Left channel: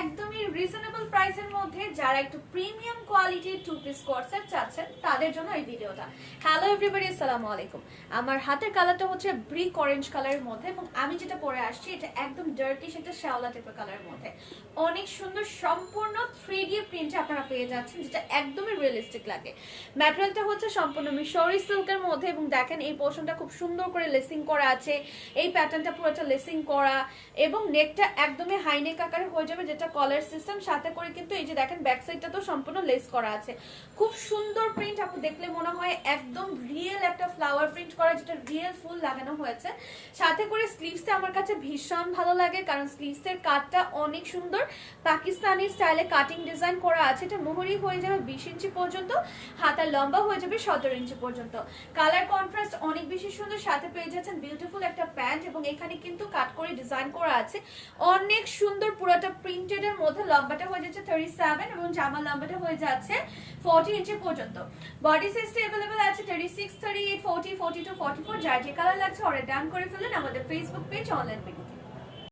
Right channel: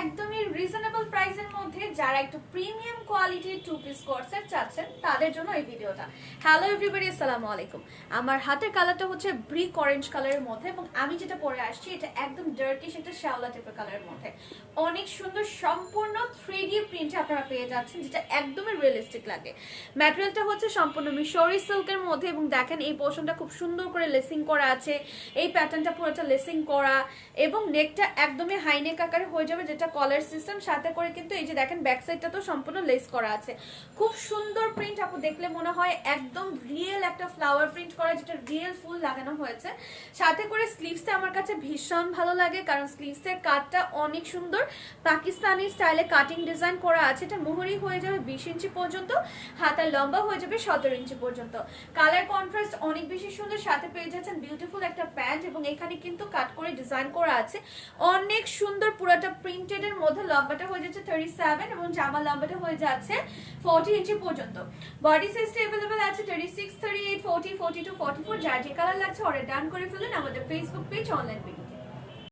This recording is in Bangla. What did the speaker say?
একদমই রিজনেবল প্রাইসের মধ্যে যারা একটু প্রিমিয়াম কোয়ালিটির টু পিস কোট সেট চাচ্ছেন তাদের জন্য এই ভিডিওটা। হ্যালো এভরিবডি, আসসালামু আলাইকুম। আমার হাতের কালারটা হচ্ছে ব্রিক অরেঞ্জ কালারের মধ্যে এবং আমি যেটা পরে আসছি এটা একদম ডার্কিশ একটা শ্যাওলা টাইপের কালারের মধ্যে। অনেক সুন্দর সম্পূর্ণ 3D প্রিন্ট আপনারা পেয়ে যাচ্ছেন, যেটা একদমই রিয়েলিস্টিক লাগে। ম্যাটেরিয়ালটা হচ্ছে সম্পূর্ণ মিশরি সিল্কের মধ্যে এবং দেখেন এই পোর্শনটা খুব সুন্দর করে লেসিং করা আছে। এই প্যাটার্নটা পুরোটা লেসিং করা এবং নেকটা একদমই হাই নেক আকারে হয়ে যাবে, যেটা কলার সিস্টেম। সাথে করে কিন্তু এই যে দেখেন ব্যাক সাইডটা তো সম্পূর্ণ লেস করা আছে। খুব সুন্দর প্রিন্ট, আপু দেখলে মনে হয় একদম রিয়েল একটা ফ্লাওয়ার প্রিন্ট করা, যেটা রিয়েল ফুল লাগানো হয়েছে। সাথে করে স্লিভসটা আমার কাছে ভীষণ ভালো লাগে, কারণ স্লিভসের কাটটা অনেক সুন্দর পাকিস্তানি স্টাইলে কাটিং ডিজাইন করা আছে। এটা মোহরি হয়ে যাবে 20 ইঞ্চি পর্যন্ত, হাতার লম্বা হয়ে যাবে 17 ইঞ্চি পর্যন্ত। কালার কন্ট্রাস্ট অনেক বেশি সুন্দর। সাথে পেয়ে যাচ্ছেন বিউটিফুল একটা প্যান্ট এবং এখানে কিন্তু কাট করে ডিজাইন করা আছে অনেক সুন্দর। পুরোটা প্রিন্টেড এর মধ্যে লম্বাটা হয়ে যাচ্ছে 37 এবং জামার লম্বাটা হয়ে যাচ্ছে 40 ইঞ্চি পর্যন্ত। বডি সাইজটা अवेलेबल আছে 36, 38, 40, 42, 44। যার যে কালার লাগছে অর্ডার ডান করে ফেলুন আমাদের ফেসবুক পেজ অনলাইন পেজ।